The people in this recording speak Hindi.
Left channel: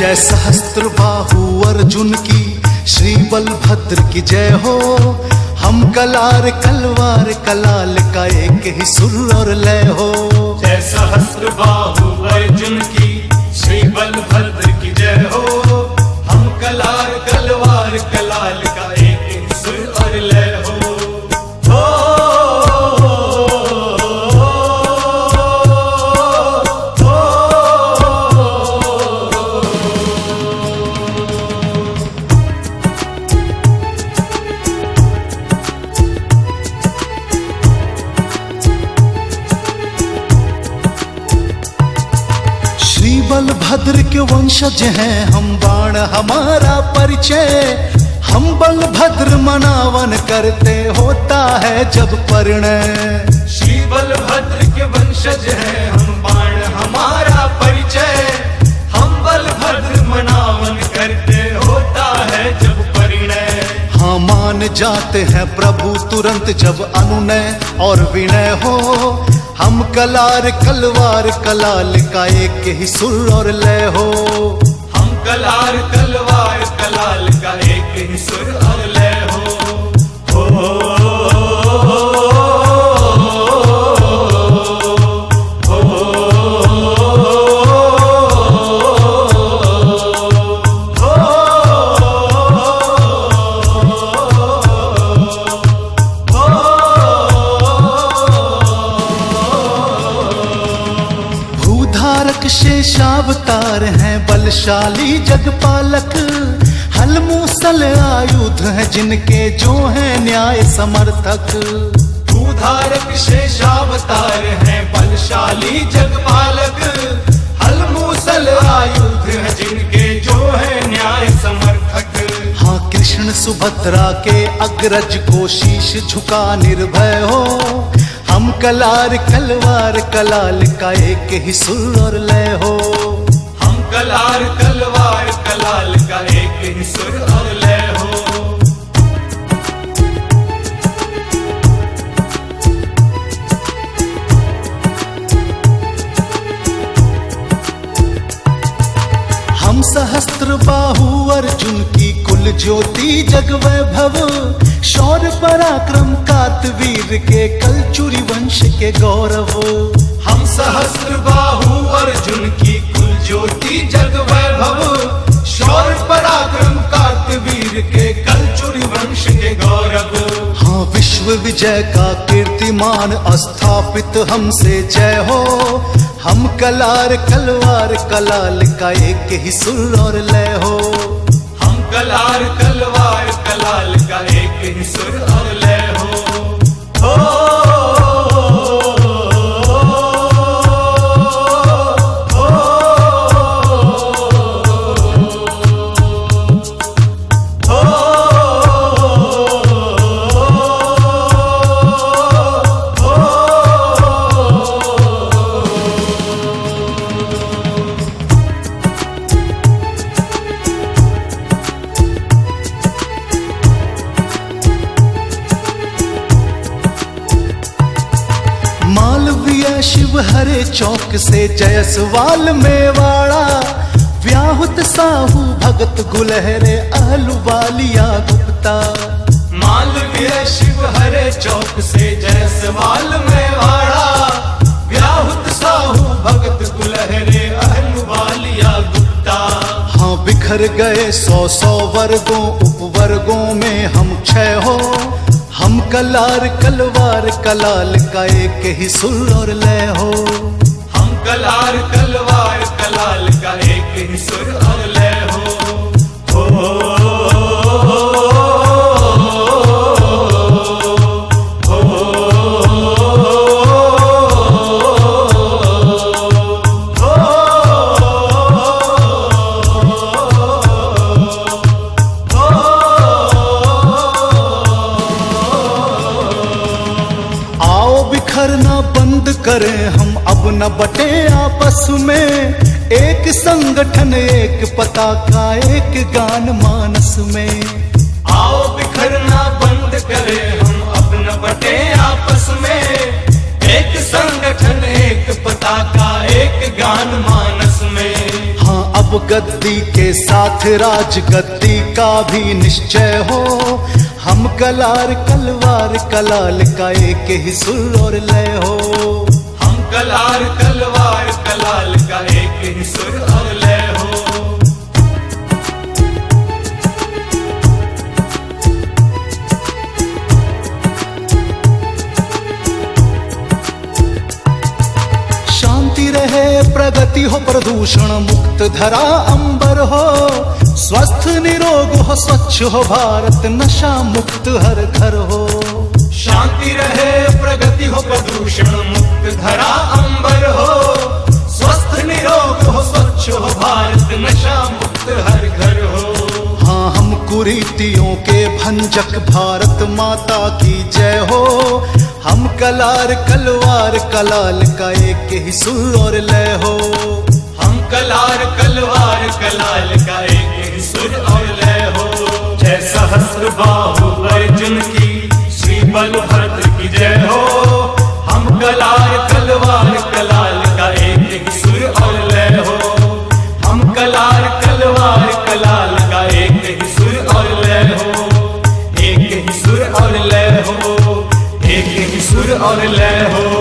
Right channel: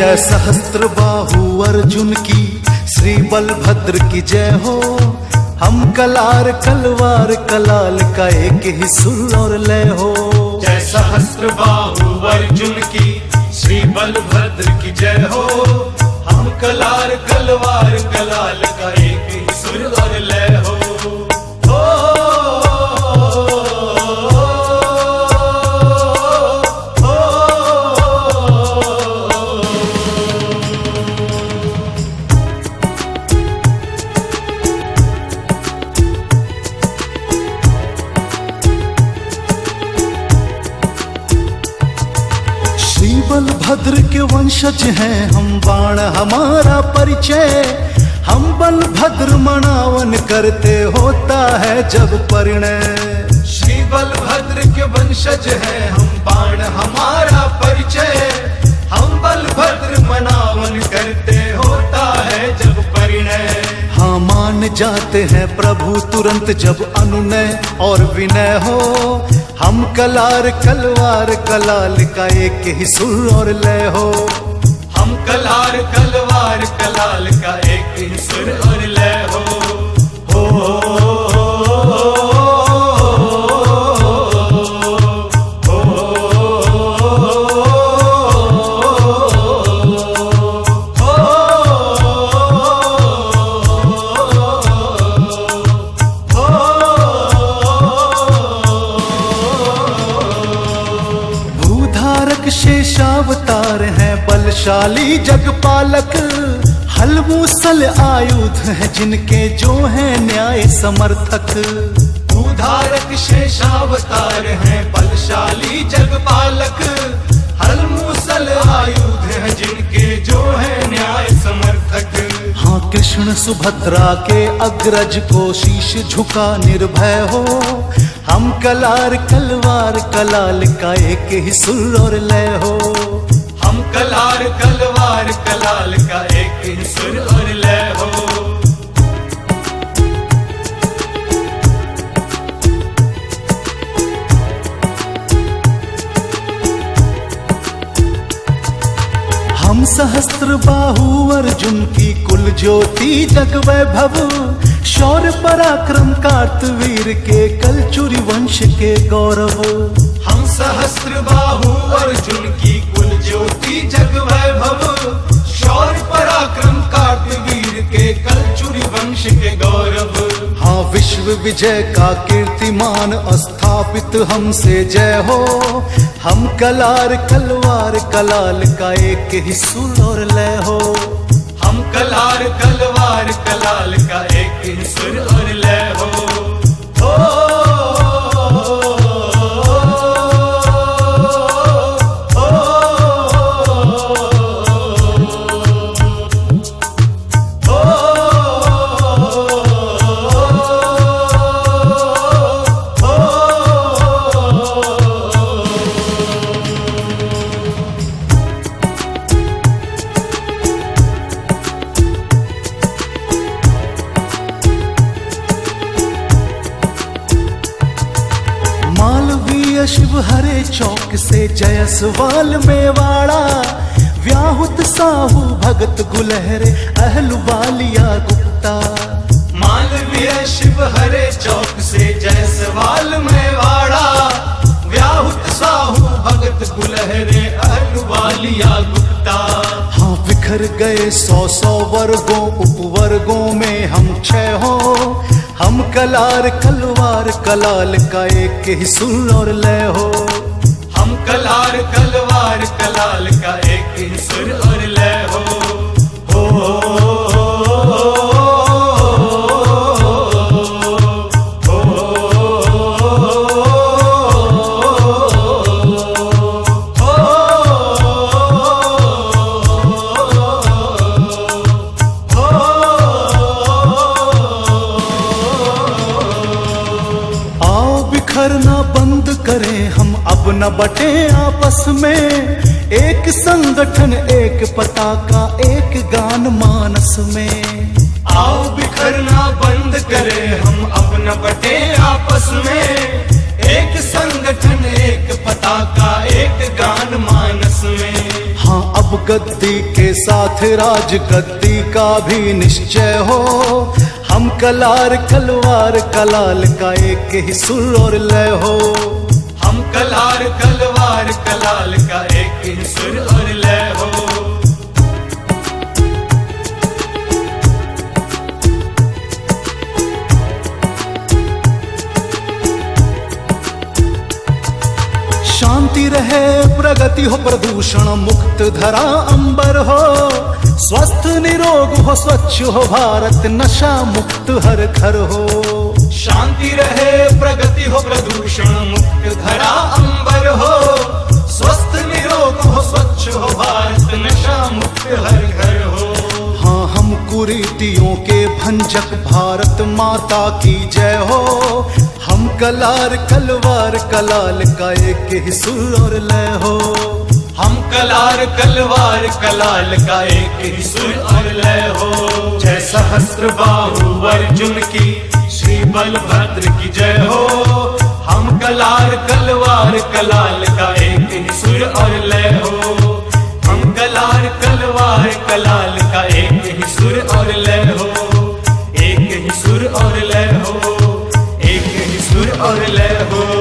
जय सहस्त्र बाहु अर्जुन की, श्री बलभद्र की जय हो। हम कलार कलवार कलाल का एक ही सुर और लय हो। जय सहस्त्र बाहु अर्जुन की, श्री बलभद्र की जय हो। हम कलार कलवार कलाल का एक ही सुर और लय हो। बलभद्र के वंशज हैं हम, बाण हमारा परिचय। हम बलभद्र मनावन करते होता है जब परिणय। श्री बलभद्र के वंशज हैं हम, बाण हमारा परिचय। हम बलभद्र मनावन करते होता है जब परिणय। हाँ मान जाते हैं प्रभु तुरंत जब अनुनय और विनय हो। हम कलार कलवार कलाल का एक ही सुर और लय हो। हम कलार कलवार कलाल का एक ही सुर और लय हो। शेषावतार है बलशाली जगपालक। हल मूसल आयुध है जिनके जो है न्याय समर्थक। भूधारक शेषावतार है बलशाली जगपालक। हल मूसल आयुध है जिनके जो है न्याय समर्थक। हाँ कृष्ण सुभद्रा के अग्रज को शीश झुका निर्भय हो। हम कलार कलवार कलाल का एक ही सुर और लय हो। हम कलार कलवार कलाल का एक ही सुर और लय हो। हम सहस्त्र बाहु अर्जुन की कुल ज्योति जग वैभव। शौर्य पराक्रम कातवीर के कलचुरी वंश के गौरव। हम सहस्त्र बाहु अर्जुन की कुल ज्योति जग वैभव। शौर्य पराक्रम कातवीर के कलचुरी वंश के गौरव। हाँ विश्व विजय का कीर्तिमान स्थापित हमसे जय हो। हम कलार कलवार कलाल का एक ही सुर और लय हो। हम कलार कलवार कलाल का एक ही सुर और लय हो। शिव हरे चौक से जयसवाल मेवाड़ा। व्याहुत साहू भगत गुलहरे अहलुवालिया गुप्ता। मालवीय शिव हरे चौक से जयसवाल मेवाड़ा। व्याहुत साहू भगत गुलहरे अहलुवालिया गुप्ता। हाँ बिखर गए 100 वर्गों उपवर्गों में हम छह हो। हम कलार कलवार कलाल का एक ही सुर और लय हो। हम कलार कलवार कलाल का एक ही सुर और लय हो। करें हम अब न बटे आपस में। एक संगठन एक पताका एक गान मानस में। आओ बिखरना बंद करें हम अब न बटे आपस में। एक संगठन एक पताका एक गान मानस में। हाँ अब गद्दी के साथ राजगद्दी का भी निश्चय हो। हम कलार कलवार कलाल का एक ही सुर और लय हो। हम कलार कलवार कलाल का एक ही सुर और लय हो। शांति रहे प्रगति हो प्रदूषण मुक्त धरा अंबर हो। स्वस्थ निरोग हो स्वच्छ हो भारत नशा मुक्त हर घर हो। शांति रहे प्रगति हो प्रदूषण मुक्त धरा अंबर हो। स्वस्थ निरोग हो स्वच्छ हो भारत नशा मुक्त हर घर हो। हाँ हम कुरीतियों के भंजक भारत माता की जय हो। हम कलार कलवार कलाल का एक ही सुर और लय हो। हम कलार कलवार कलाल का एक ही सुर और लय हो। जय सहस्त्र बाहु अर्जुन की श्री बलभद्र की जय हो। हम कलार कलवार कलाल का एक ही सुर और लय हो। हम कलार कलवार कलाल का एक ही सुर और लय हो। एक ही सुर और लय हो। एक ही सुर और लय हो।